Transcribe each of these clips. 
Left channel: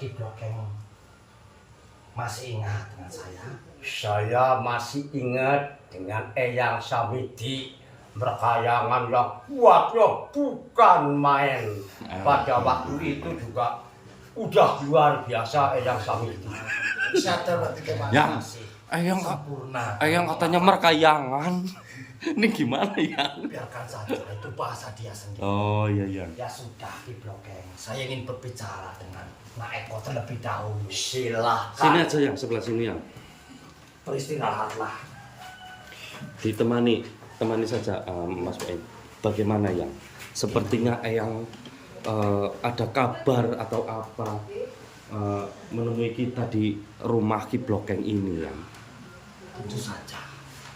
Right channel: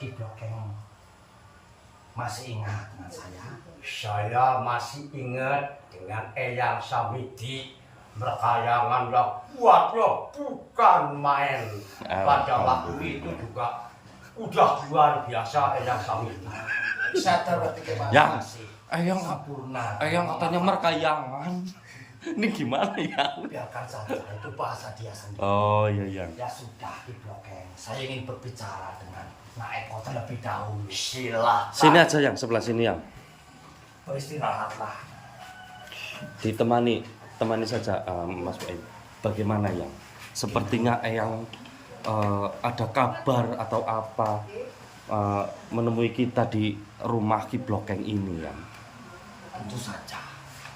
Ki Blokeng masih ingat dengan saya? Saya masih ingat dengan Eyang Samidi. Berkayangan yang kuat ya, bukan main. Pada waktu itu juga udah luar biasa Eyang Samidi. Saya terima Yang kasih. Eyang Sempurna. Eyang katanya merkayangan. Ini gimana ya? Biarkan saja, itu bahasa dia sendiri. Oh iya. Ya sudah, Ki Blokeng. Saya ingin berbicara dengan Nak Eko terlebih dahulu. Silahkan. Sini aja yang sebelah sini yang. Beristirahatlah. Temani saja Mas Wain. Bagaimana yang? Sepertinya Eyang ada kabar atau apa menemui kita di rumah Ki Blokeng ini yang. Tentu saja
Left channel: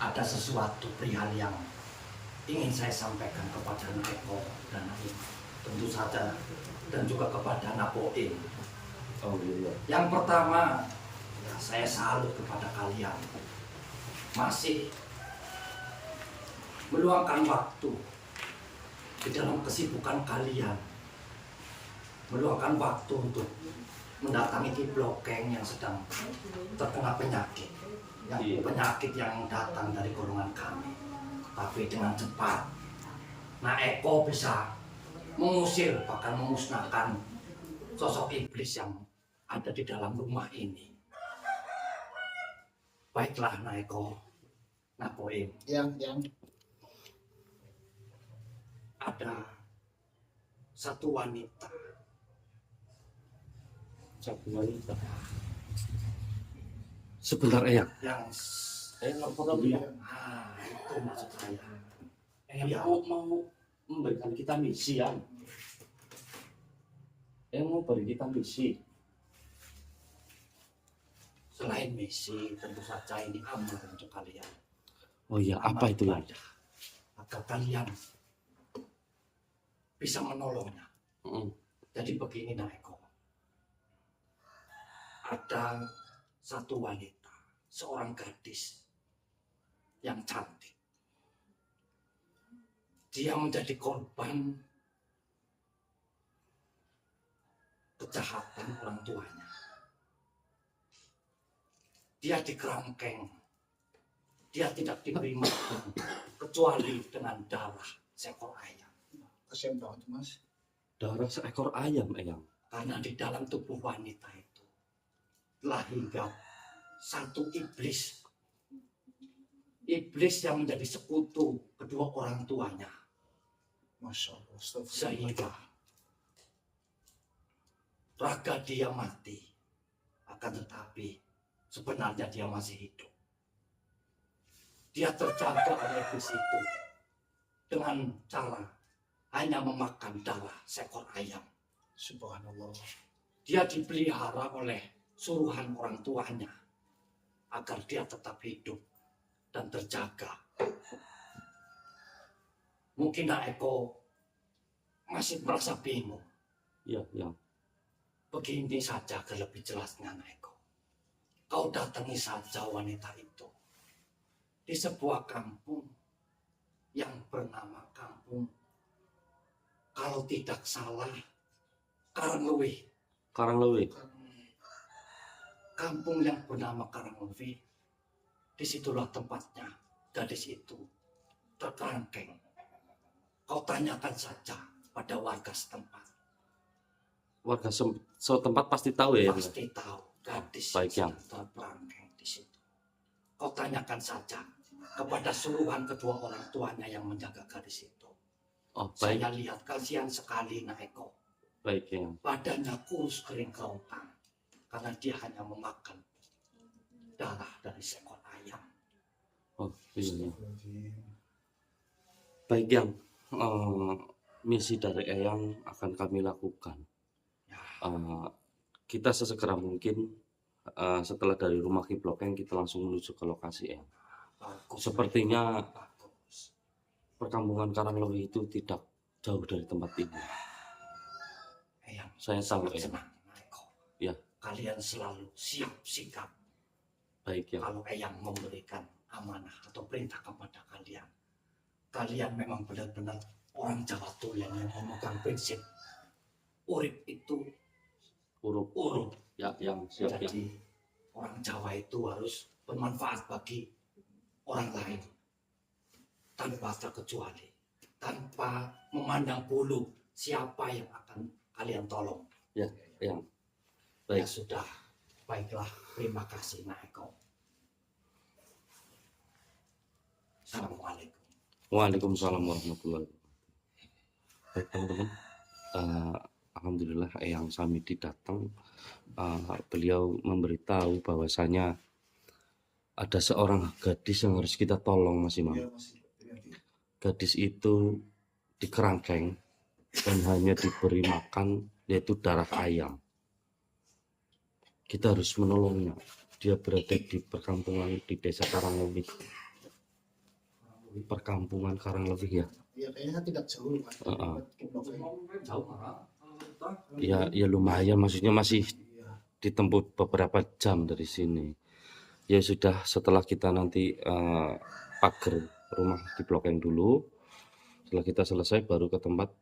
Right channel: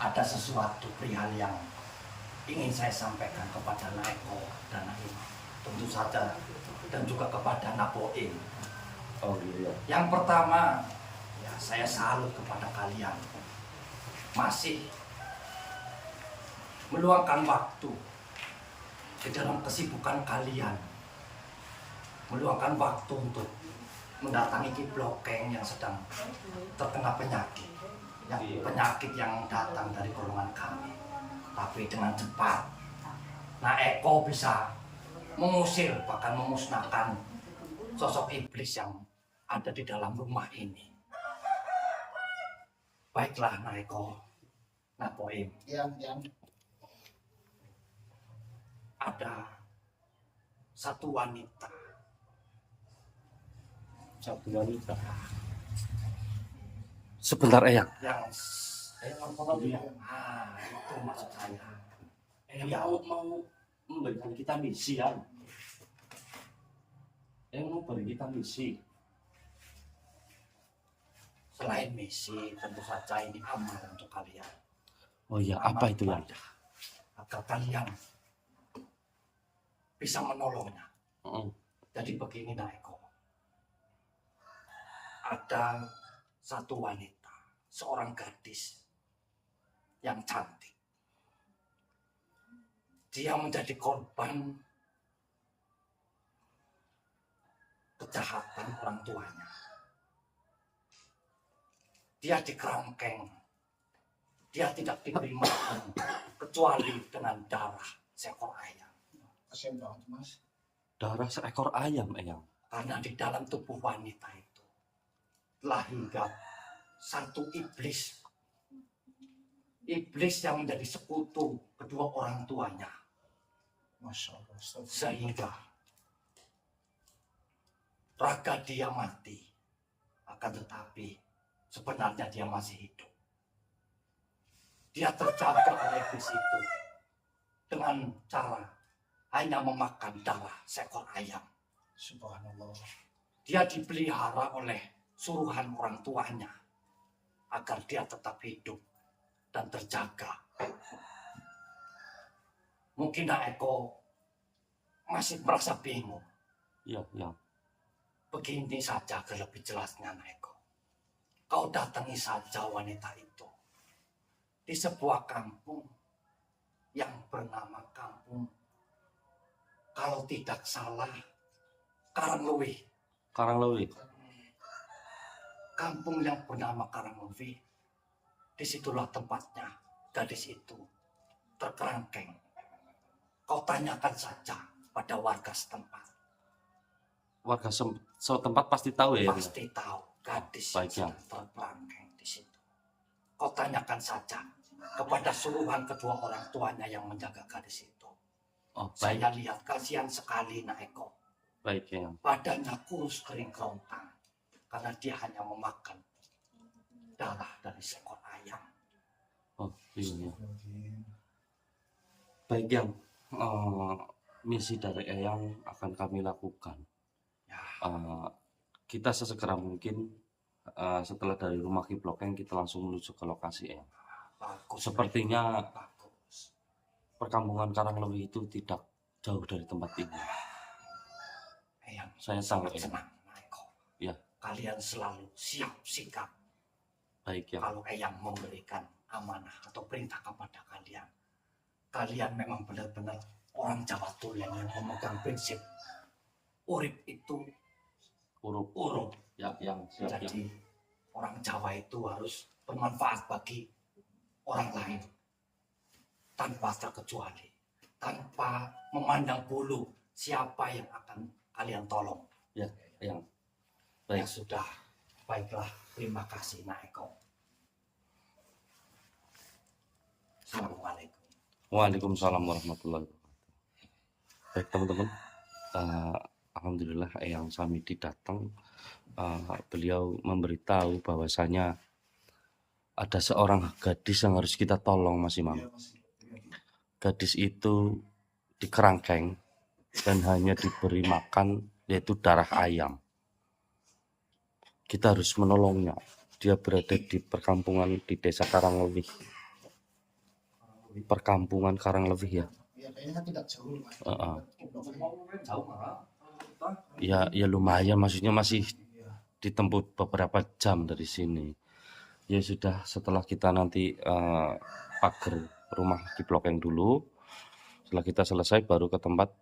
ada sesuatu perihal yang ingin saya sampaikan kepada Nak Eko dan Nak Imam. Tentu saja dan juga kepada Nak Boim. Oh iya. Yang pertama, ya saya salut kepada kalian. Masih meluangkan waktu di dalam kesibukan kalian. Meluangkan waktu untuk mendatangi Ki Blokeng yang sedang terkena penyakit. Penyakit yang datang dari golongan kami. Tapi dengan cepat, Nak Eko bisa mengusir, bahkan memusnahkan sosok iblis yang ada di dalam rumah ini. Baiklah Nak Eko, Nak Boim. Yang Ada satu wanita. Sebentar Eyang. Yang itu maksud saya. Mau memberikan kita misi ya. Mau beri kita misi. Selain misi, tentu saja ini amal untuk kalian. Oh iya, apa itu yang? Agar kalian bisa menolongnya. Jadi begini Nak Eko. Ada satu wanita, seorang gadis yang cantik. Dia menjadi korban kejahatan orang tuanya. Dia dikerangkeng. Dia tidak diberi makan kecuali dengan darah seekor ayam. kasihan banget Mas. Darah seekor ayam Eyang. Karena di dalam tubuh wanita itu telah hinggap satu iblis. Iblis yang menjadi sekutu kedua orang tuanya. Masya Allah. Sehingga raga dia mati. Akan tetapi sebenarnya dia masih hidup. Dia terjaga oleh iblis itu dengan cara hanya memakan darah seekor ayam. Subhanallah. Dia dipelihara oleh suruhan orang tuanya agar dia tetap hidup dan terjaga. Mungkin Nak Eko masih merasa bingung. Iya, yang. Begini saja agar lebih jelasnya Nak Eko. Kau datangi saja wanita itu di sebuah kampung yang bernama kampung, kalau tidak salah, Karanglewi. Karanglewi. Kampung yang bernama Karanglewi, disitulah tempatnya gadis itu terkerangkeng. Kau tanyakan saja pada warga setempat. Warga setempat pasti tahu ya. Pasti tahu gadis Baik, yang ya. terkerangkeng di situ. Kau tanyakan saja kepada suruhan kedua orang tuanya yang menjaga gadis itu. Oh baik, Saya lihat kasihan sekali Nak Eko. baik yang. Badannya kurus kering kerontang karena dia hanya memakan darah dari seekor ayam. Oh iya. Baik yang. Misi dari Eyang akan kami lakukan. Ya, Kita sesegera mungkin setelah dari rumah Ki Blokeng kita langsung menuju ke lokasi Eyang. bagus. Sepertinya Bagus. perkampungan Karanglewi itu tidak jauh dari tempat ini. Eyang, Saya tahu sangat Eyang. senang, Nak Eko. Ya. Kalian selalu siap sikap Baik yang. kalau Eyang memberikan amanah atau perintah kepada kalian. Kalian memang benar-benar orang Jawa Tulen yang memegang prinsip urip itu Huruf Huruf. ya yang siap ya. Jadi orang Jawa itu harus bermanfaat bagi orang lain tanpa terkecuali, tanpa memandang bulu siapa yang akan kalian tolong. Ya, yang Ya baik. sudah, baiklah. Terima kasih Nak Eko. Assalamualaikum. Waalaikumsalam warahmatullahi wabarakatuh. Baik teman-teman, alhamdulillah Eyang Samidi datang. Beliau memberitahu bahwasanya ada seorang gadis yang harus kita tolong, Mas Imam. Iya, Mas. Iya. Gadis itu dikerangkeng dan hanya diberi makan yaitu darah ayam. Kita harus menolongnya. Dia berada di perkampungan di desa Karanglewih. Perkampungan Karanglewih ya. Iya, kayaknya tidak jauh, Mas. Jauh marah. Ya lumayan, maksudnya masih Iya. ditempuh beberapa jam dari sini. Ya sudah, setelah kita nanti pagar rumah di Blokeng dulu. Setelah kita selesai baru ke tempat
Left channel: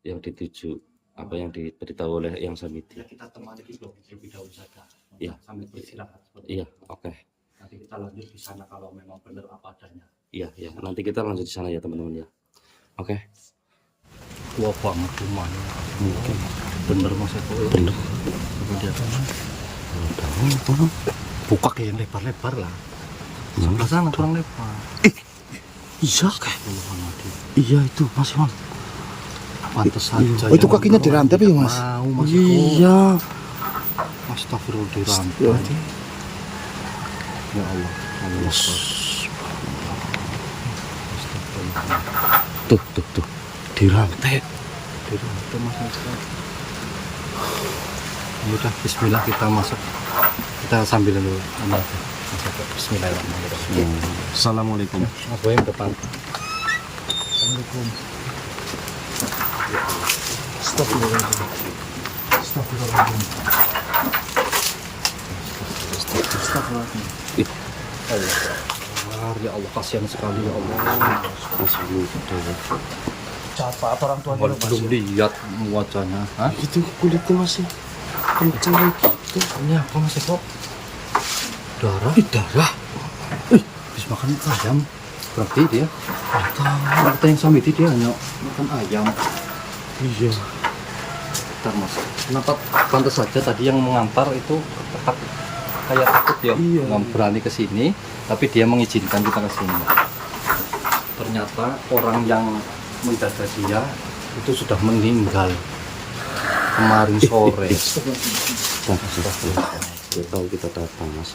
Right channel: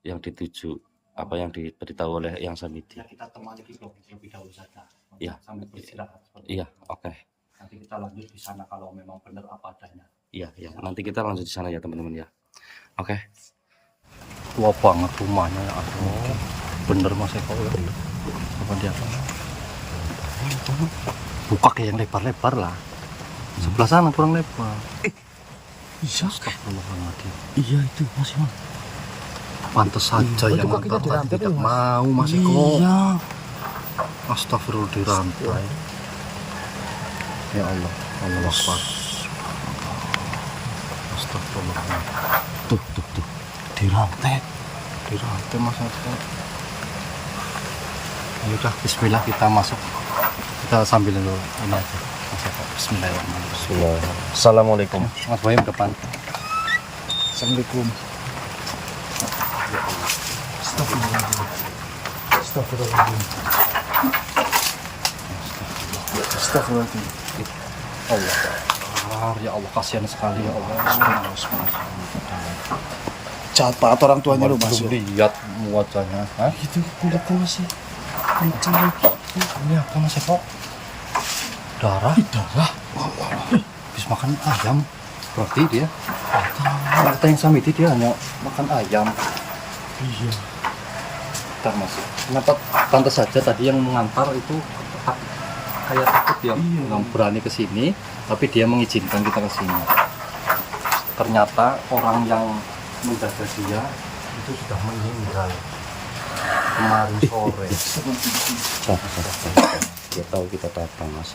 yang dituju, apa yang diberitahu oleh Eyang Samidi. Ya, kita temani di blog lebih dahulu saja. Iya. Sambil beristirahat. Iya, oke. Nanti kita lanjut di sana kalau memang benar apa adanya. Iya, nanti kita lanjut di sana ya teman-teman ya. Oke. Tua banget rumahnya mungkin bener Mas Eko ya. Bener. Coba lihat. Buka kayak yang lebar-lebar lah. Sebelah sana kurang lebar. Iya kah? Astagfirullahaladzim. Iya itu Mas Bang. Pantes saja Oh, itu yang kakinya orang dirantai, tidak Mas? Mau Mas Eko. Iya. Astagfirullah dirantai. Ya Allah, Allah Akbar. Astagfirullahaladzim. Tuh. Dirantai. Dirantai Mas Eko. Ya udah, Bismillah kita masuk. Kita sambil dulu ini aja. Mas Eko. Bismillahirrahmanirrahim. Assalamualaikum. Mas Boyim depan. Assalamualaikum. Astagfirullahaladzim. Astagfirullahaladzim. Astagfirullahaladzim. Allah Akbar. Ya Allah, kasihan sekali ya Allah. Jahat banget orang tuanya lu, Mas. Belum lihat wajahnya. Hah? Itu kulitnya masih kenceng itu. Ini apa Mas Eko? Darah? Darah. Habis makan ayam. Berarti dia kata yang Samidi dia hanya makan ayam. Iya. Bentar Mas. Kenapa pantas saja tadi yang mengantar itu kayak takut dia nggak berani ke sini, tapi dia mengizinkan kita ke sini. Ternyata orang yang menjaga dia itu sudah meninggal kemarin sore. Dia tahu kita datang Mas.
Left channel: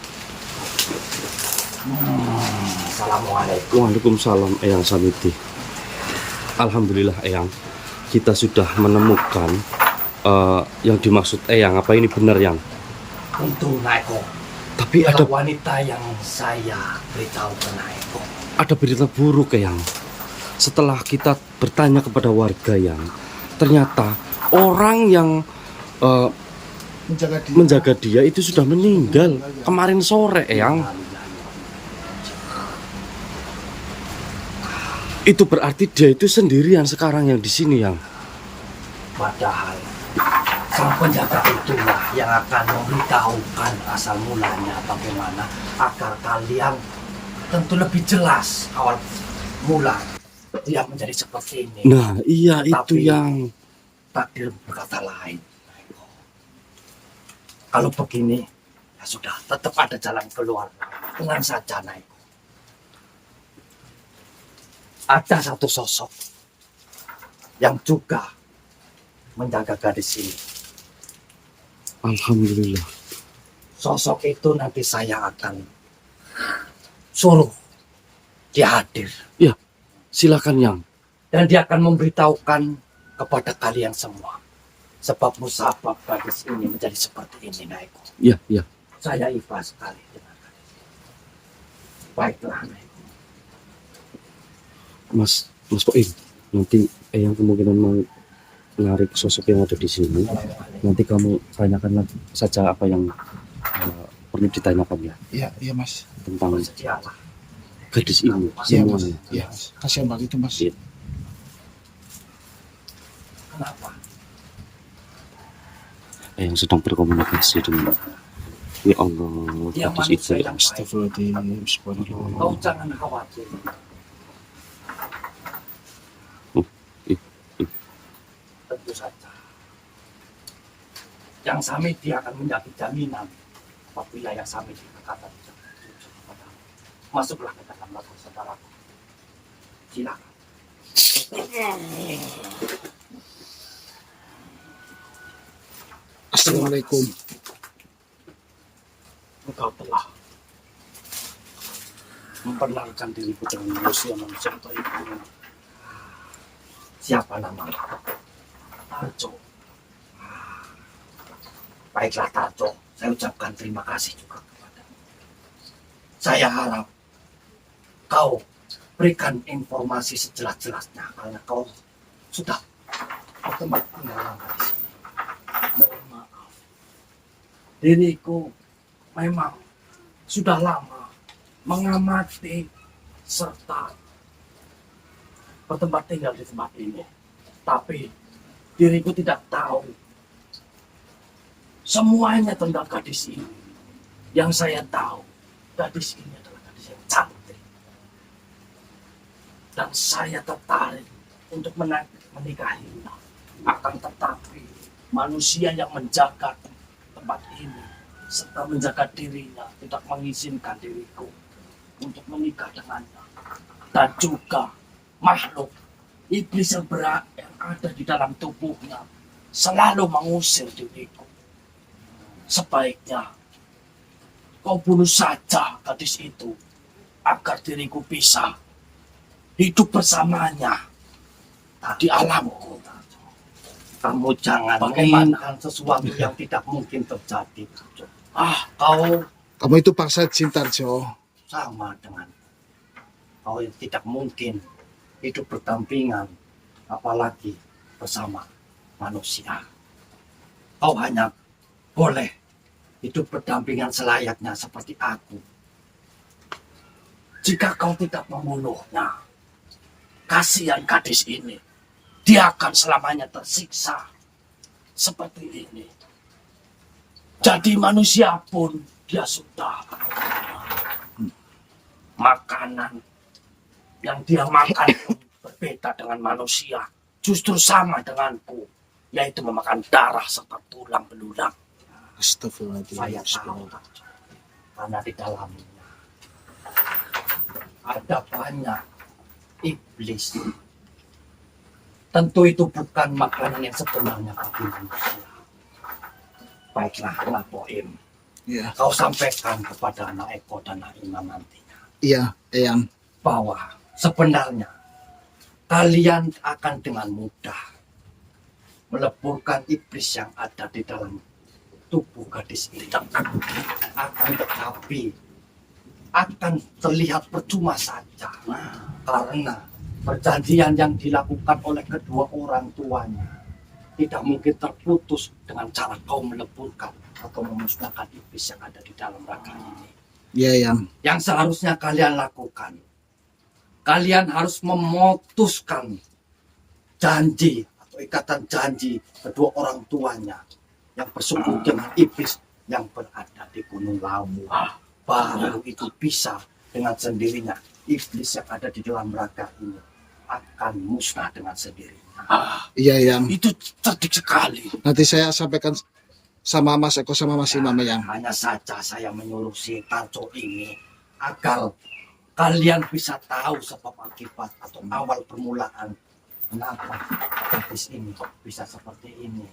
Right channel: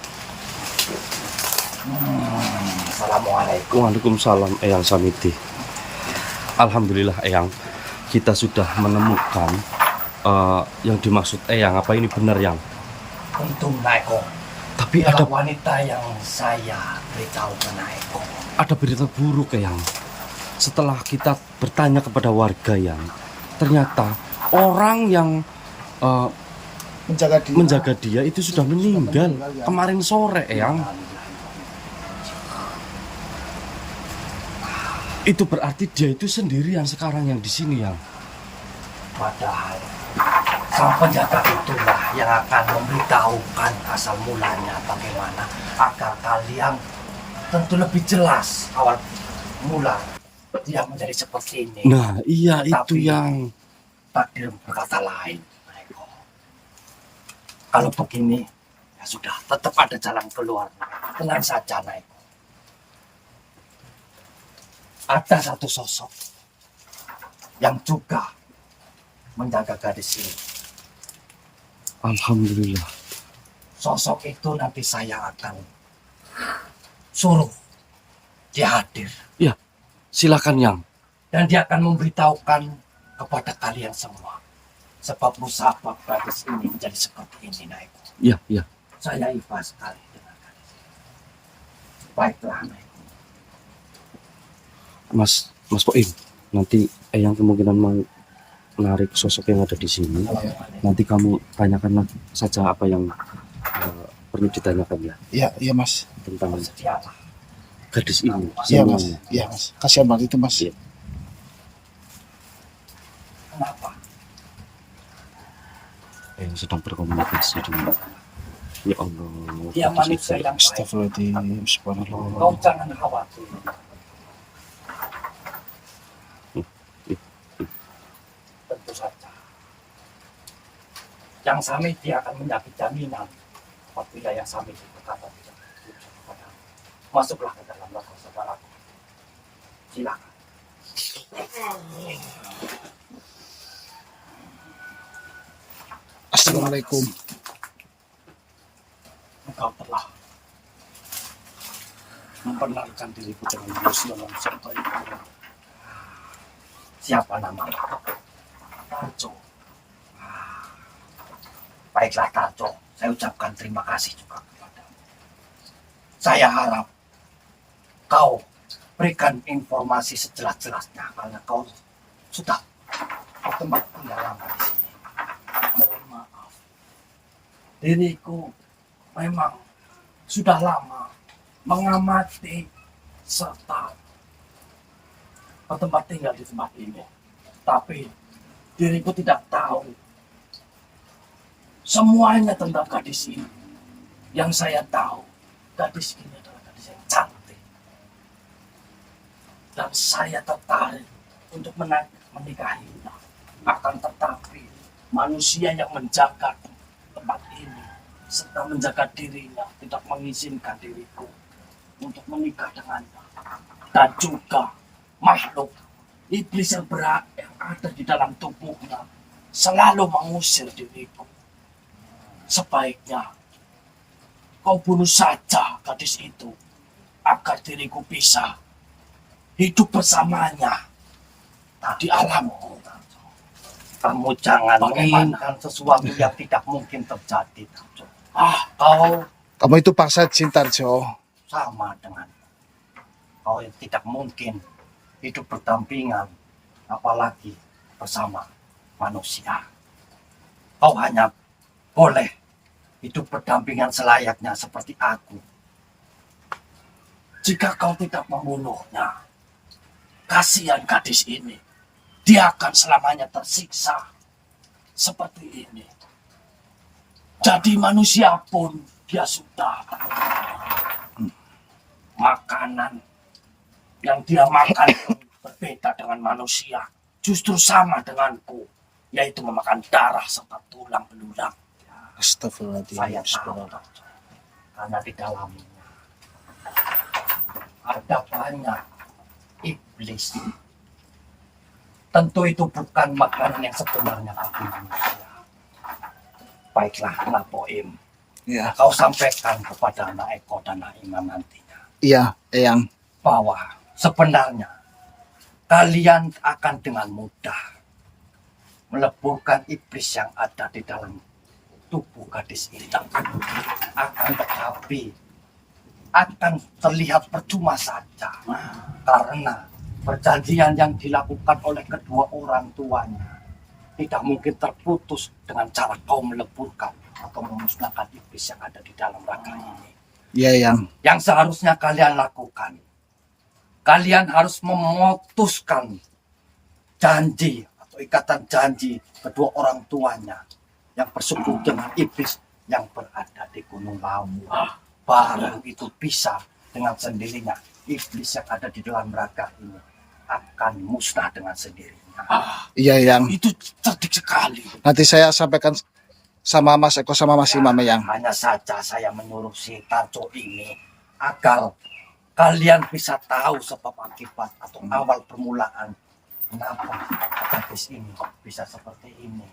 Assalamualaikum. Waalaikumsalam Eyang Samidi. Alhamdulillah Eyang, kita sudah menemukan yang dimaksud Eyang. Apa ini benar Yang? Tentu Nak Eko. Tapi Dialah ada wanita yang saya beritahu ke Nak Eko. berita buruk Eyang. Setelah kita bertanya kepada warga Yang, ternyata orang yang menjaga dia itu sudah meninggal kemarin sore Eyang. Itu berarti dia itu sendirian sekarang yang di sini Yang. Padahal sang penjaga itulah yang akan memberitahukan asal mulanya bagaimana agar kalian tentu lebih jelas awal mula dia menjadi seperti ini. Nah iya itu Tapi Yang. takdir berkata lain. Eko. Kalau begini ya sudah, tetap ada jalan keluar. Tenang saja Eko. Ada satu sosok yang juga menjaga gadis ini. Alhamdulillah. Sosok itu nanti saya akan suruh dia hadir. Ya, silakan Yang. Dan dia akan memberitahukan kepada kalian semua. Sebab musabab gadis ini menjadi seperti ini, Naiko. Ya. Saya ikhlas sekali dengan gadis ini. Baiklah, Naiko. Mas Poim, nanti Eyang kemungkinan mau menarik sosok yang ada di sini. Nanti kamu tanyakan saja apa yang perlu ditanyakan ya Iya, Mas. tentang Bersedialah. gadis ini Iya, Mas. semuanya. Iya, Mas. Kasihan banget itu, Mas. Iya. Kenapa? yang sedang berkomunikasi dengan ya Allah. Dia gadis manusia itu. yang baik. Astagfirullahaladzim. Kau Subhanallah. jangan khawatir. Ih, Tentu saja. Yang Samiti akan menjadi jaminan apabila yang Samiti berkata jujur kepadamu. Masuklah ke dalam latar saudara. Silakan. Assalamualaikum. Engkau telah memperkenalkan diriku dengan manusia baik ini. Siapa namamu? Tarjo. Baiklah Tarjo, saya ucapkan terima kasih juga kepadamu. Saya harap kau berikan informasi sejelas-jelasnya karena kau sudah bertempat tinggal lama di sini. Mohon maaf, diriku memang sudah lama mengamati serta bertempat tinggal di tempat ini. Tapi diriku tidak tahu semuanya tentang gadis ini. Yang saya tahu, gadis ini adalah gadis yang cantik. Dan saya tertarik untuk menikahinya. Akan tetapi manusia yang menjaga tempat ini serta menjaga dirinya tidak mengizinkan diriku untuk menikah dengannya. Dan juga makhluk iblis yang berat yang ada di dalam tubuhnya selalu mengusir diriku. Sebaiknya kau bunuh saja gadis itu agar diriku bisa hidup bersamanya di alamku. Kamu jangan menginginkan sesuatu yang tidak mungkin terjadi. Kau Kamu itu paksa Tarjo. sama dengan kau tidak mungkin hidup berdampingan, apalagi bersama manusia. Kau hanya boleh hidup berdampingan selayaknya seperti aku. Jika kau tidak membunuhnya, kasihan gadis ini. Dia akan selamanya tersiksa seperti ini. Jadi manusia pun dia sudah makanan yang dia makan pun berbeda dengan manusia. Justru sama denganku, yaitu memakan darah serta tulang belulang. Saya tahu, karena di dalamnya ada banyak iblis. Tentu itu bukan makanan yang sebenarnya bagi manusia. Baiklah, Napoim. Ya. Kau sampaikan kepada Naeko dan Naimam nantinya Iya, Eyang. bahwa sebenarnya kalian akan dengan mudah meleburkan iblis yang ada di dalam tubuh gadis ini. Akan tetapi akan terlihat percuma saja karena perjanjian yang dilakukan oleh kedua orang tuanya tidak mungkin terputus dengan cara kau meleburkan atau memusnahkan iblis yang ada di dalam raga ini. Iya, Eyang. Yang seharusnya kalian lakukan, kalian harus memutuskan janji atau ikatan janji kedua orang tuanya yang bersekutu dengan iblis yang berada di Gunung Lawu. Baru itu bisa dengan sendirinya iblis yang ada di dalam raga ini akan musnah dengan sendirinya. Iya, Eyang. Itu cerdik sekali. Nanti saya sampaikan sama Mas Eko sama Mas Imam, Eyang. Hanya saja saya menyuruh si Tarjo ini agar kalian bisa tahu sebab akibat atau awal permulaan kenapa gadis ini kok bisa seperti ini.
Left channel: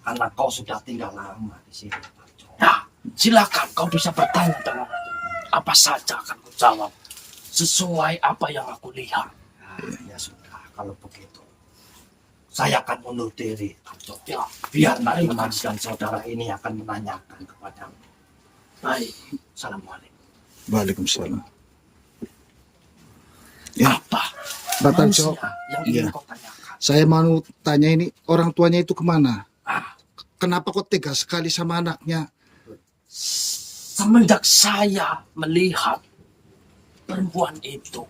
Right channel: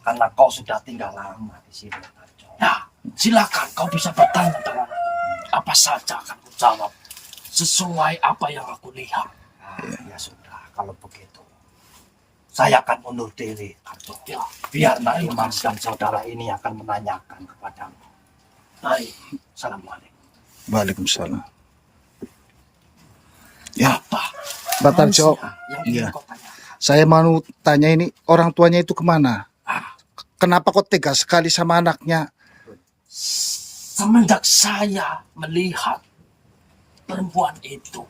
Karena kau sudah tinggal lama di sini, Tarjo. Ya, silakan kau bisa bertanya dengan apa saja akan kujawab sesuai apa yang aku lihat. Ya sudah, kalau begitu saya akan mundur diri, Tarjo. Ya, biar Naiman dan saudara ini akan menanyakan kepadamu. Baik, assalamualaikum. Waalaikumsalam. Ya, Apa? Pak Tarjo. Manusia yang ingin Iya. kau tanyakan. Saya mau tanya ini, orang tuanya itu kemana? Ah, Kenapa kok tega sekali sama anaknya? semenjak saya melihat perempuan itu,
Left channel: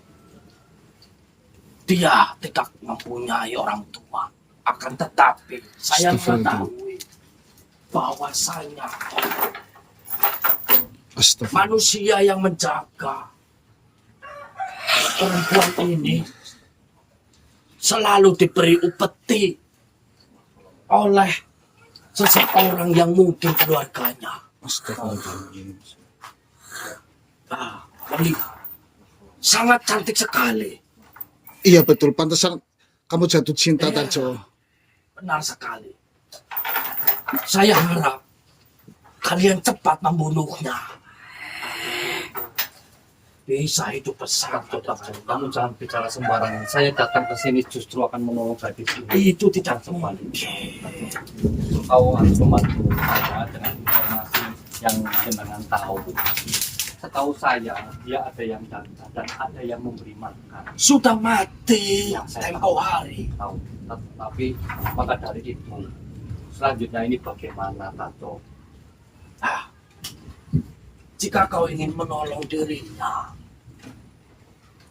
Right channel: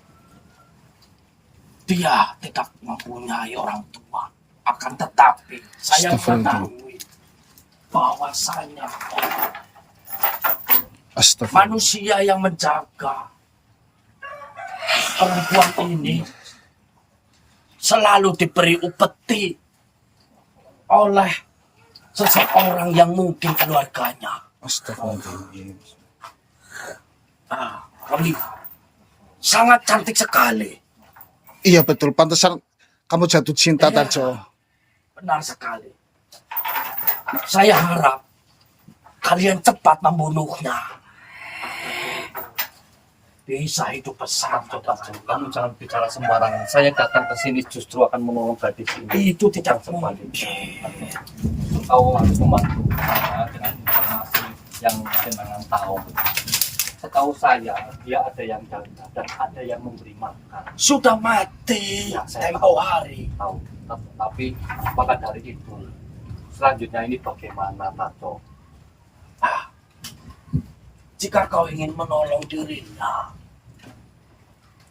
dia tidak mempunyai orang tua. Akan tetapi saya Astagfirullah. mengetahui bahwasanya Astagfirullah. manusia yang menjaga perempuan ini selalu diberi upeti oleh seseorang yang mungkin keluarganya. Astagfirullah. Nah, melihat sangat cantik sekali. Iya betul, pantesan kamu jatuh cinta Iya. Tarjo. Benar sekali. Saya harap kalian cepat membunuhnya. Bisa itu pesan, Kamu jangan bicara sembarangan. Saya datang ke sini justru akan menolong gadis ini. itu tidak Jangan mungkin. Kau harus membantu saya dengan informasi yang jenengan tahu. Setahu saya, dia ada yang jaga dan ada yang memberi makan. Sudah mati Ya, saya tempo hari. Tahu. Tapi maka dari itu, selanjutnya ini bagaimana, Tato? Ah, jika kau ingin menolong dirinya,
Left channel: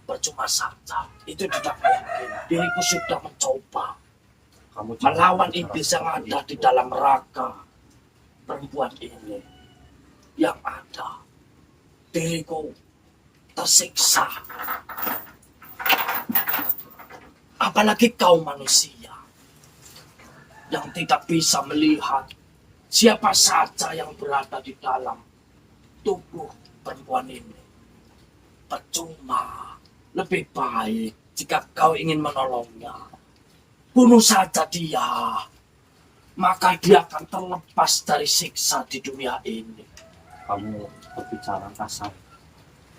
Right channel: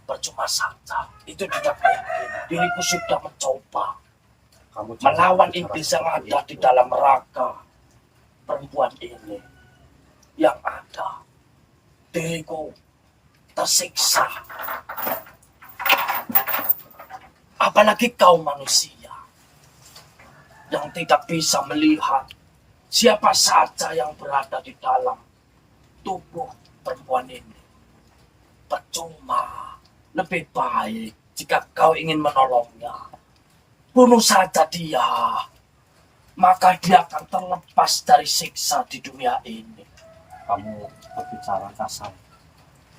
percuma saja. Itu tidak mungkin. Diriku sudah mencoba Kamu melawan iblis yang ada di dalam raga perempuan ini. Yang ada, diriku tersiksa. Apalagi kau manusia yang tidak bisa melihat siapa saja yang berada di dalam tubuh perempuan ini. Percuma, lebih baik jika kau ingin menolongnya, bunuh saja dia, maka dia akan terlepas dari siksa di dunia ini. Kamu berbicara kasar.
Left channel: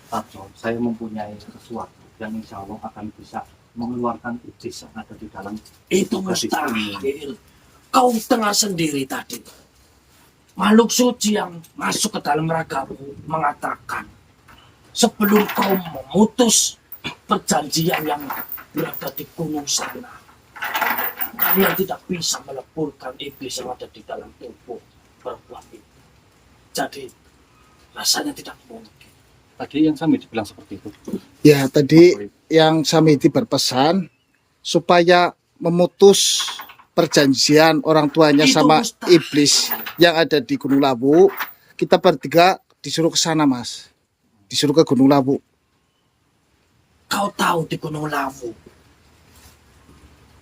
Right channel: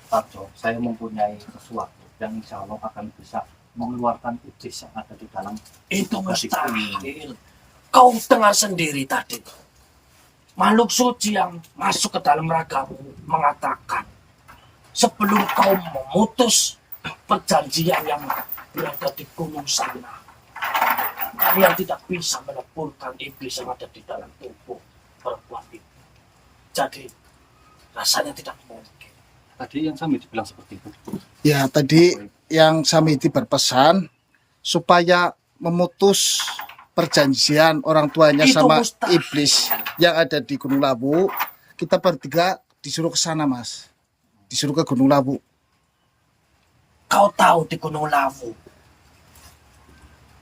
Tato, saya mempunyai sesuatu yang insya Allah akan bisa mengeluarkan iblis yang ada di dalam Itu gadis ini. mustahil. Kau dengar sendiri tadi. Makhluk suci yang masuk ke dalam ragamu mengatakan, sebelum kau memutus perjanjian yang berada di gunung sana, kalian tidak bisa meleburkan iblis yang ada di dalam tubuh perempuan itu. Jadi, rasanya tidak mungkin. Tadi yang Samiti bilang seperti itu. Ya tadi yang Samiti berpesan supaya memutus perjanjian orang tuanya Itu sama mustahil. iblis yang ada di Gunung Lawu. Kita bertiga disuruh ke sana Mas, disuruh ke Gunung Lawu. Kau tahu di Gunung Lawu,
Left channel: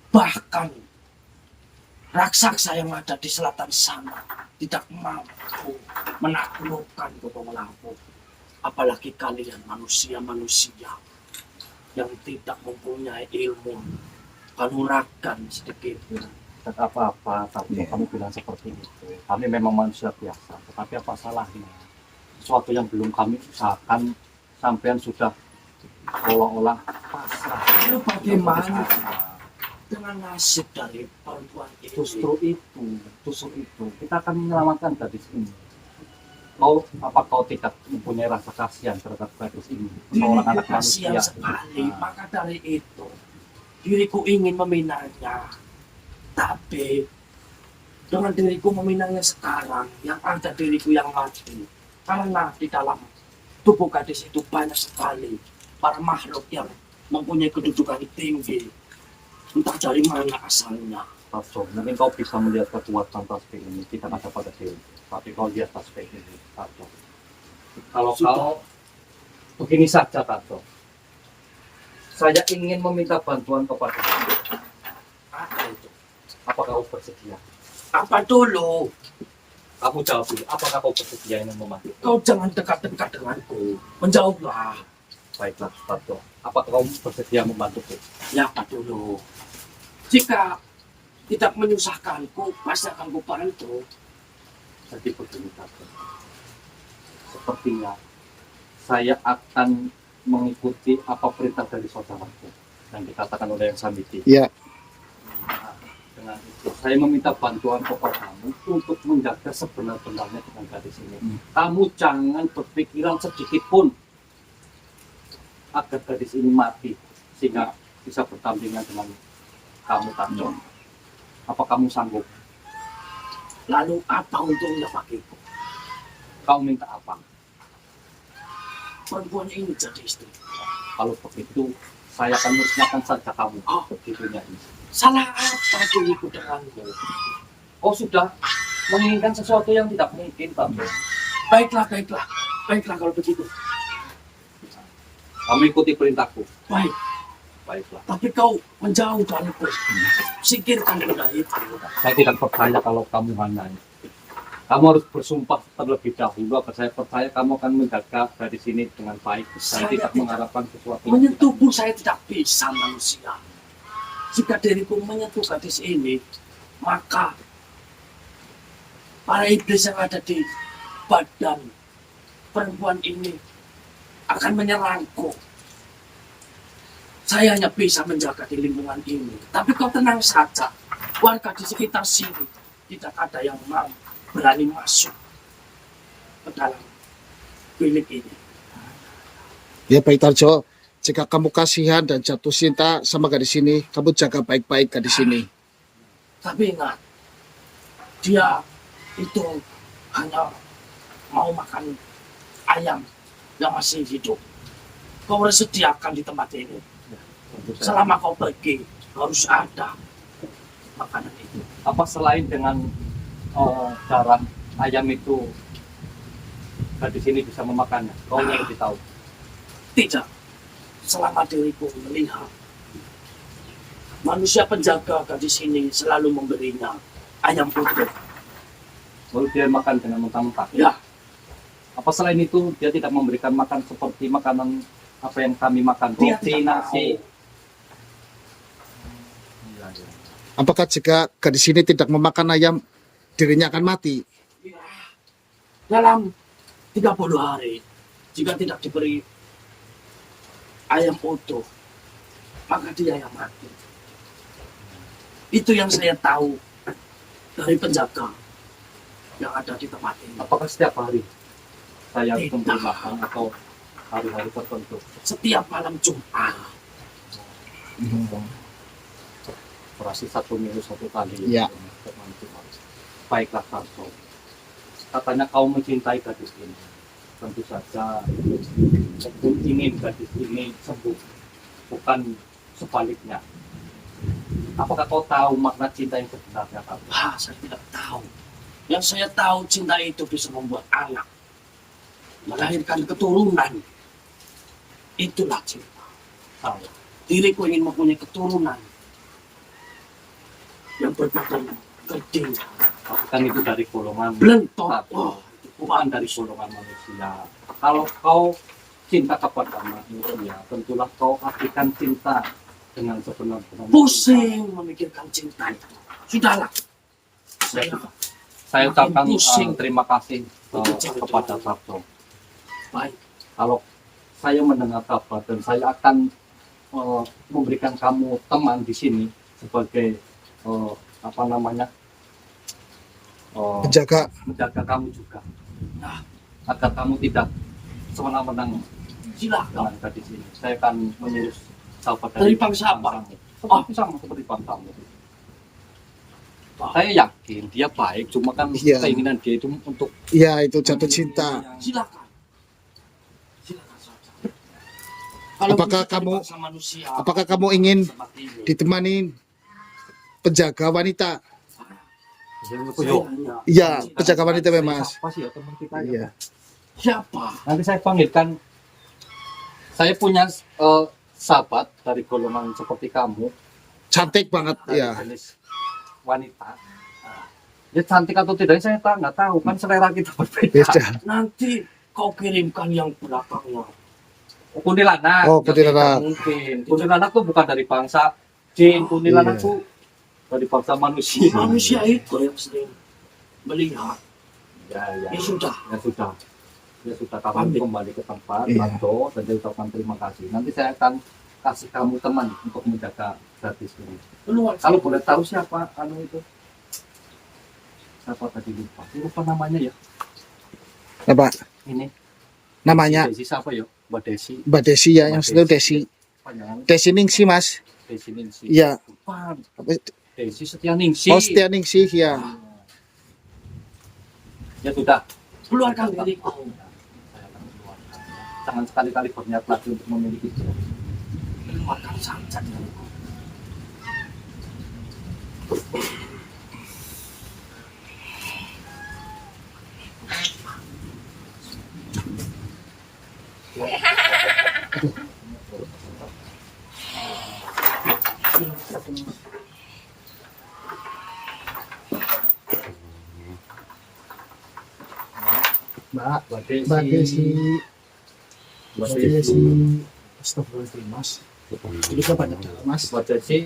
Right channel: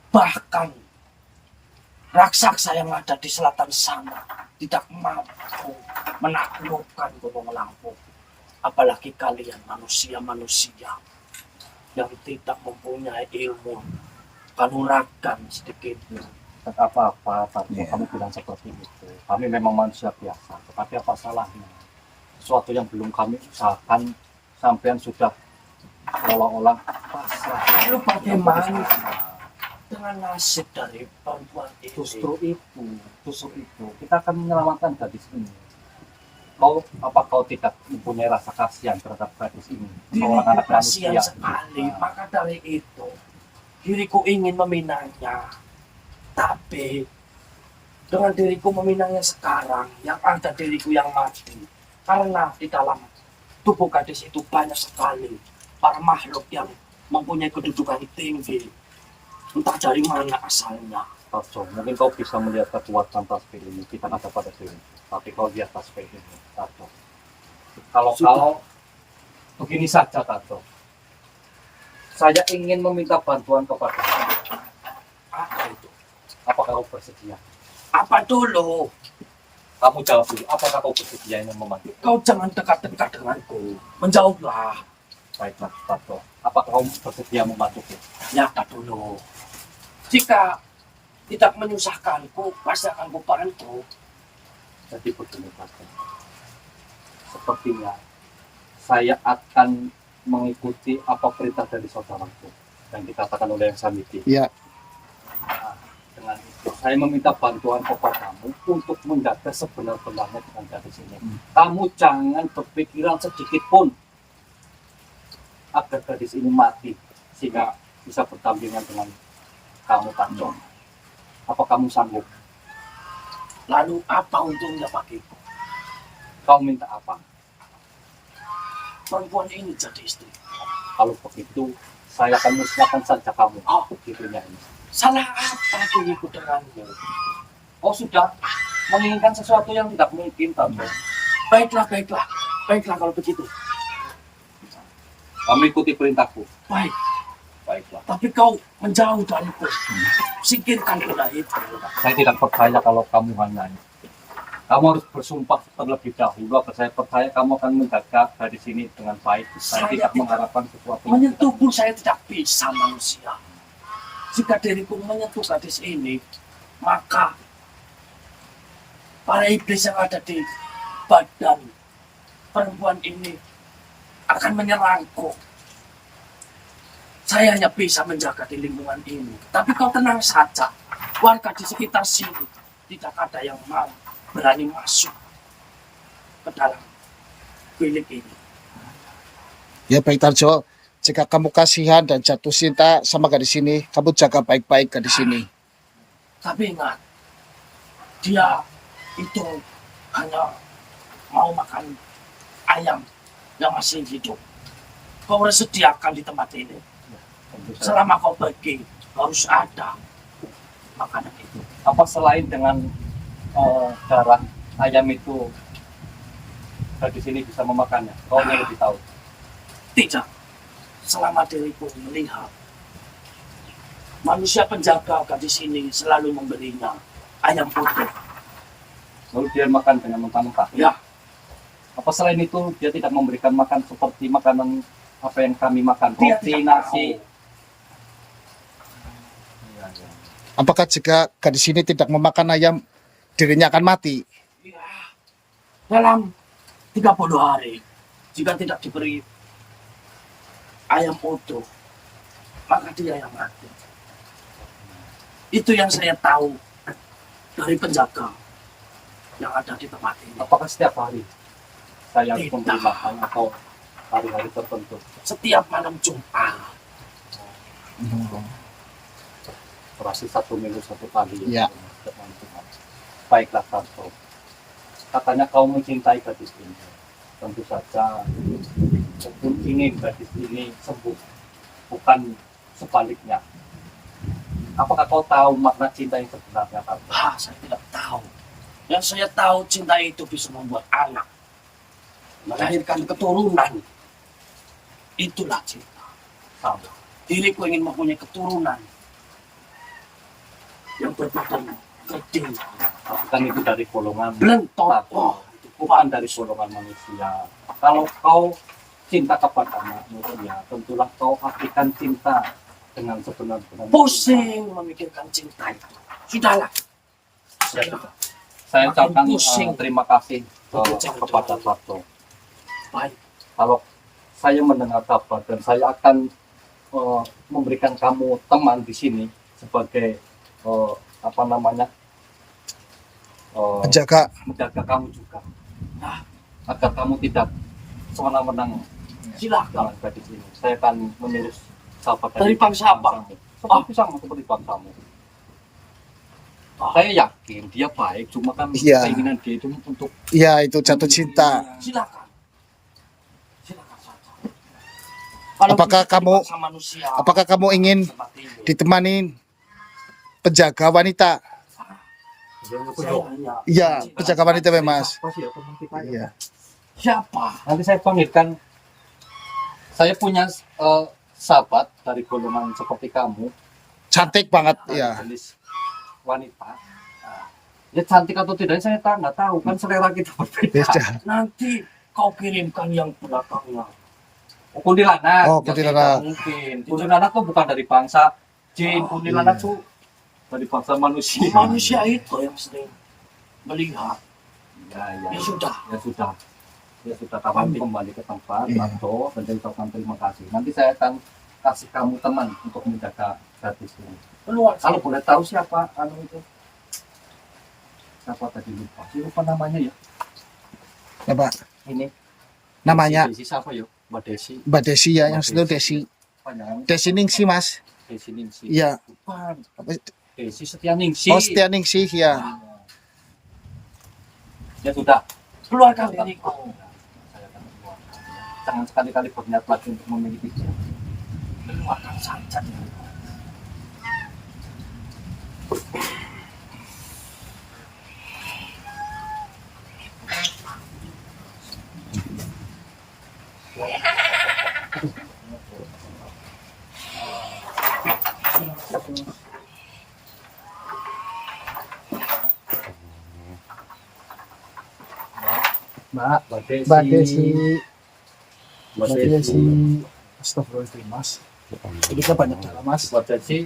bahkan raksasa yang ada di selatan sana tidak mampu menaklukkan Gunung Lawu. Apalagi kalian manusia-manusia yang tidak mempunyai ilmu kanuragan sedikit. Dan apa-apa, Tato, Iya. kamu bilang seperti itu. Kami memang manusia biasa, tetapi apa salahnya? Sesuatu yang belum kami usahakan, sampean sudah seolah-olah pasrah. Lalu bagaimana dengan nasib dari perempuan itu? Justru itu, kita akan menyelamatkan gadis ini. Kau tidak mempunyai rasa kasihan terhadap gadis ini? Diriku Seorang anak kasihan manusia. sekali, maka dari itu diriku ingin meminangnya. Tapi dengan diriku meminangnya sekarang, yang ada diriku yang mati. Karena di dalam tubuh gadis itu banyak sekali para makhluk yang mempunyai kedudukan tinggi. Entah dari mana asalnya. Tato, mungkin kau bisa melihat kekuatan tasbih ini. Kita ada pada diri. Tapi kau lihat tasbih ini, Tato. Kalau Sudah. kau begini saja, Tato. Saya ingin meminta bantuan kepada kau. Apa itu? Apakah kau bersedia? Apa dulu? Kamu jawab dulu. Apakah kau bersedia ingin membantu? Kau jangan dekat-dekat denganku. Menjauhlah. Baiklah, Tato. Apakah kau bersedia membantuku? Ya, apa dulu? Jika tidak menyusahkanku, pasti akan kubantu. Jadi begini, Tato. Sepertinya saya akan mengikuti apa perintah dari saudaraku yang dikatakan oleh yang Samiti. Ya, Nah, dengan itu saya meminta bantuan kepadamu untuk menjaga sebenar-benarnya dengan gadis ini. Kamu jangan berpikiran sedikit pun agar gadis ini mati sehingga bisa bertandingan dengan kamu, Tato. Apa kamu sanggup? Lalu apa untungnya bagiku? Kau minta apa? Perempuan ini jadi istri. Kalau begitu saya akan musnahkan saja kamu. Oh. Begitunya ini. Salah apa diriku denganmu? Kau sudah menginginkan sesuatu yang tidak mungkin, Pak Bro. Baiklah kalau begitu. Kamu ikuti perintahku. Baik, Baiklah. tapi kau menjauh dariku. Singkirkan kuda itu. Saya tidak percaya kalau kamu hanya. Kamu harus bersumpah terlebih dahulu agar saya percaya kamu akan menjaga dari sini dengan baik. Saya tidak mengharapkan sesuatu. yang Menyentuh pun saya tidak bisa manusia. Jika diriku menyentuh gadis ini, maka para iblis yang ada di badan perempuan ini akan menyerangku. Saya hanya bisa menjaga di lingkungan ini. Tapi kau tenang saja. Warga di sekitar sini tidak ada yang mau berani masuk ke dalam bilik ini. Ya baik Tarjo, jika kamu kasihan dan jatuh cinta sama gadis ini, kamu jaga baik-baik gadis ini. Tapi ingat, dia itu hanya mau makan ayam yang masih hidup. Kau harus sediakan di tempat ini. Selama kau pergi, harus ada makanan itu. Apa selain dengan darah ayam itu gadis ini bisa memakannya? Kau yang lebih tahu. Tidak. Selama diriku melihat manusia penjaga gadis ini selalu memberinya ayam utuh. Lalu dia makan dengan mentah-mentah. Ya, Apa selain itu dia tidak memberikan makan seperti makanan apa yang kami makan? Dia Roti, tidak nasi. Apakah jika gadis ini tidak memakan ayam, dirinya akan mati? dalam 30 hari jika tidak diberi ayam utuh, maka dia yang mati. Itu yang saya tahu dari penjaga yang ada di tempat ini. Apakah setiap hari saya harus Tidak. memberi makan atau hari-hari tertentu? Setiap malam Jumat. Berarti 1 minggu 1 kali. Ya. Setiap malam Jumat. Baiklah Tarto. Katanya kau mencintai gadis ini. Tentu saja aku ingin gadis ini sembuh, bukan sebaliknya. Apakah kau tahu makna cinta yang sebenarnya, Tarto? Saya tidak tahu. Yang saya tahu cinta itu bisa membuat anak, melahirkan keturunan. Itulah cinta. Tahu. Diriku ingin mempunyai keturunan yang berbadan gede, Kan itu dari golongan belentot. Tarto. Bukan dari golongan manusia. Kalau kau cinta kepada manusia, tentulah kau akan cinta dengan sebenar-benarnya. Pusing memikirkan cinta itu. Sudahlah. Saya ucapkan Pusing. terima kasih kepada Tarto. Baik. Kalau saya mendengar kabar dan saya akan memberikan kamu teman di sini sebagai apa namanya Penjaga. menjaga kamu juga. Nah, agar kamu tidak semena-mena Silakan. dengan gadis ini. Saya akan menyuruh sahabat Dari bangsa apa? Seperti sama seperti bangsamu. Saya yakin dia baik, cuma kan Iya. keinginan dia itu untuk Ya itu jatuh cinta. Silakan. Silakan saja. Kalau Apakah bisa kamu- dipaksa manusia, Apakah kamu ingin seperti ini, ditemani penjaga wanita? saya hanya Iya, cinta. penjaga wanita memang. Mas. apa sih ya teman kita? Iya. Siapa? Nanti saya panggilkan. Saya punya sahabat dari golongan seperti kamu, Cantik banget dari ya. jenis wanita. Nah, dia cantik atau tidak saya nggak tahu, kan selera kita berbeda. Beda. Nanti kau kirimkan yang belakangnya. Kuntilanak. Oh, Ya, kuntilanak. tidak mungkin. Kuntilanak tuh bukan dari bangsa jin. Kuntilanak iya. tuh dari bangsa manusia. Manusia itu yang sering melihat. Ya, ya. Ya sudah. Ya sudah. Ya sudah, kamu Pamit. kembali ke tempat, Iya. Tarto, dan saya ucapkan terima kasih. Nanti saya akan kasih kamu teman untuk menjaga gadis ini. Keluar. Kalau boleh tahu siapa itu? Siapa tadi lupa? Lupa namanya ya. Apa Ini namanya? Desi siapa ya? Mbak Desi. Mbak Desi ya, yang itu Desi. Panjangan Desi Ningsi Mas. Desi Ningsi. Iya. Bukan. Apa itu? Desi Setia Ningsi. Oh Setia Ningsi ya. Ya sudah. Keluarkan diriku. Saya akan keluarkan. Jangan sekali-kali berniat lagi untuk memiliki dia. Keluarkan saja diriku. Mbak, Mbak Mbak Desi, Mbak Mbak Desi. Desi. Astagfirullahaladzim, Mas. Ini kan banyak jalan, Mas. Mbak Desi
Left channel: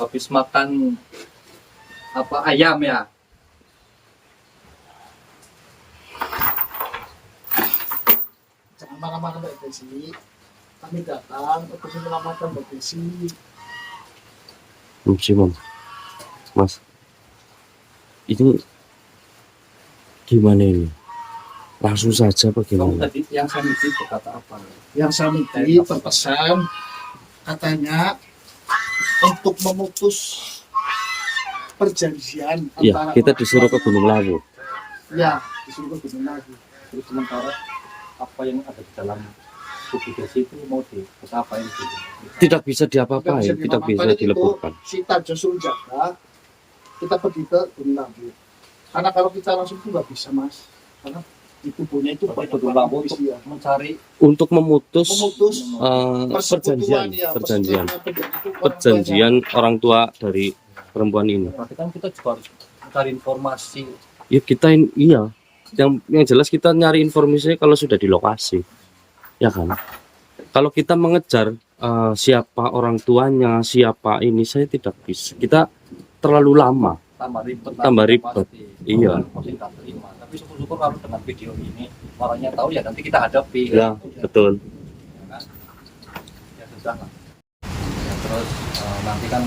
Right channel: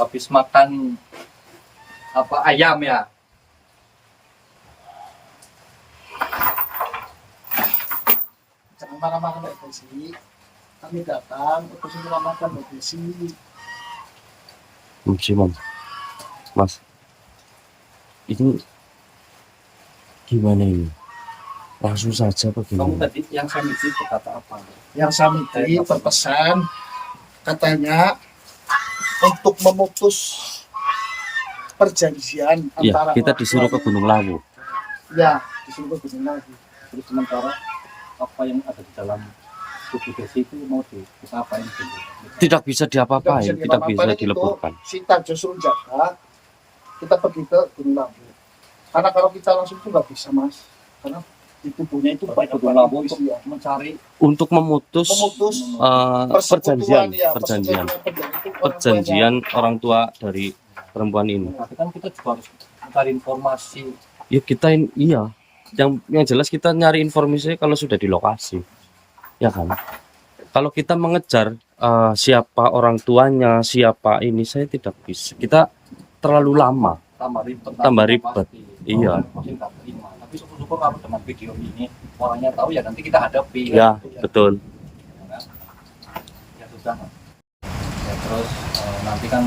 habis makan apa ayam ya? Jangan marah-marah Mbak Desi. Kami datang untuk menyelamatkan Mbak Desi. Mam. Mas, ini gimana ini? Langsung saja Kamu bagaimana? tadi yang Samiti berkata apa? Yang Samiti berpesan katanya untuk memutus perjanjian Ya, antara kita orang disuruh ke tuanya. Gunung Lawu. Ya, disuruh ke Gunung lagi. Terus sementara apa yang ada di dalam tubuh Desi itu mau kita apain dulu? Tidak bisa diapa-apain, tidak bisa diapa-apain, itu dileburkan. Si Tarjo suruh jaga, kita pergi ke Gunung Lawu. Karena kalau kita langsung tuh nggak bisa, Mas. Karena di tubuhnya itu Bapak banyak ke Lawu untuk ya. mencari Untuk memutus Persekutuan, ya, perjanjian itu orang perjanjian orang tua dari perempuan ini. berarti kan kita juga harus mencari informasi. Ya iya, yang jelas kita nyari informasi kalau sudah di lokasi, ya kan? Kalau kita mengejar siapa orang tuanya, siapa ini, saya tidak bisa. Kita terlalu lama. Tambah ribet. Tambah ribet. Pasti. Iya. Pasti tak terima. Tapi syukur-syukur kalau dengan video ini orangnya tahu ya nanti kita hadapi. Ya, betul. Ya kan? Ya susah lah. Ya, terus nanti kan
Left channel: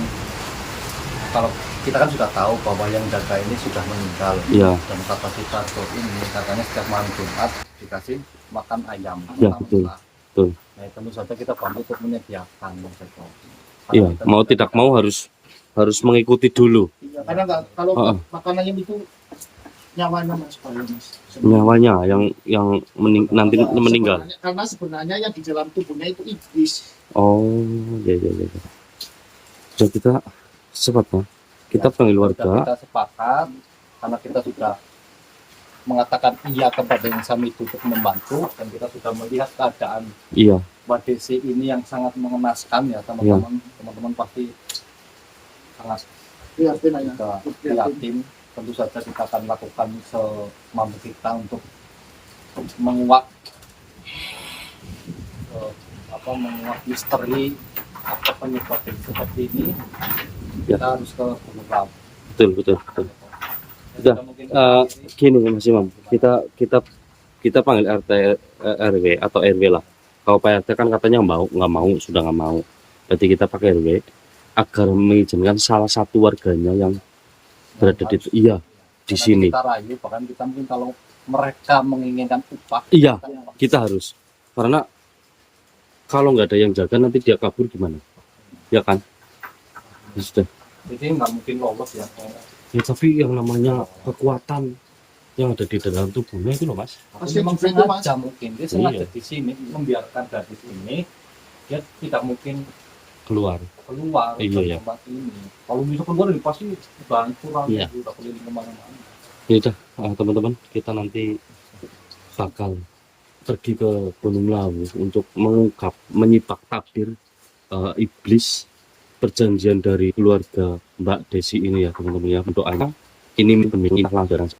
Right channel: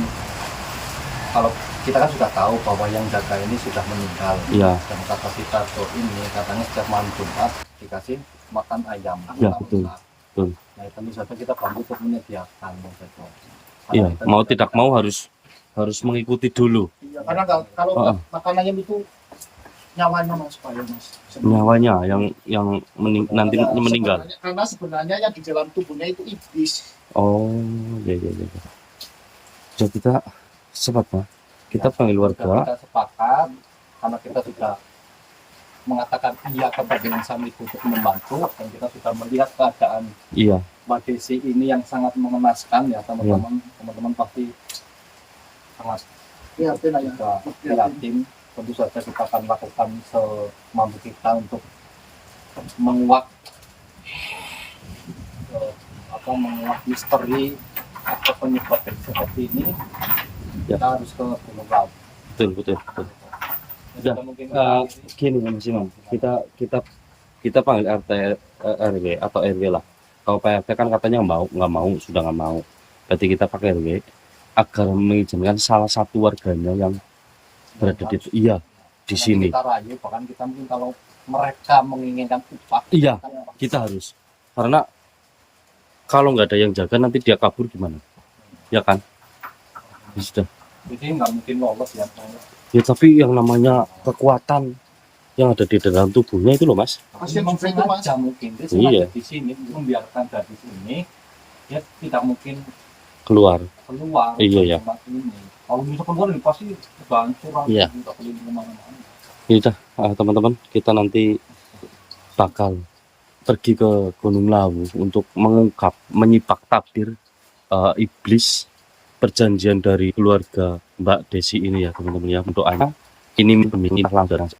kalau kita kan sudah tahu bahwa yang jaga ini sudah meninggal. Iya. Dan kata si Tarjo ini katanya setiap malam Jumat dikasih makan ayam. Ya, Malam betul. lah. Betul. Nah tentu saja kita bantu untuk menyediakan gitu. Iya, mau tidak mau harus mengikuti dulu Ya, karena kalau makanannya itu nyawanya, Mas, supaya, Mas. nyawanya yang nanti meninggal. Karena sebenarnya yang di dalam tubuhnya itu iblis. Oh, ya. Sudah kita cepatnya kita panggil warga. Kita sepakat karena kita sudah mengatakan iya kepada yang Sami itu untuk membantu dan kita sudah melihat keadaan Iya, Mbak Desi ini yang sangat mengenaskan ya teman-teman pasti sangat Prihatin ya. kita prihatin. Tentu saja kita akan lakukan semampu kita untuk menguak menguak misteri apa penyebab seperti ini. Ya. Kita harus ke Gunung Lawu. betul. Udah, gini Mas Imam, kita panggil RT RW atau RW lah. Kalau Pak RT kan katanya nggak mau, sudah nggak mau. Berarti kita pakai RW agar mengizinkan salah satu warganya yang berada di di sini. Kita rayu, bahkan kita mungkin kalau mereka menginginkan upah. Iya, kita- kita harus. Karena kalau nggak ada yang jaga nanti dia kabur gimana? Ya kan? Ya sudah. Jadi nggak mungkin lolos ya. Ya tapi yang namanya kekuatan yang ada di dalam tubuhnya itu loh Mas. Pasti Memang juga itu, Mas. sengaja mungkin dia Iya. sengaja di sini membiarkan gadis ini dia tidak mungkin Keluar. keluar Iya, dari ya. tempat ini. Kalau bisa keluar ini pasti bangku Iya. udah keliling kemana-mana. Ya udah, teman-teman, kita nanti bakal pergi ke Gunung Lawu untuk mengungkap, menyipak tabir iblis perjanjian dari keluarga Mbak Desi ini ya teman-teman ya. Doanya ini pemimpin langsung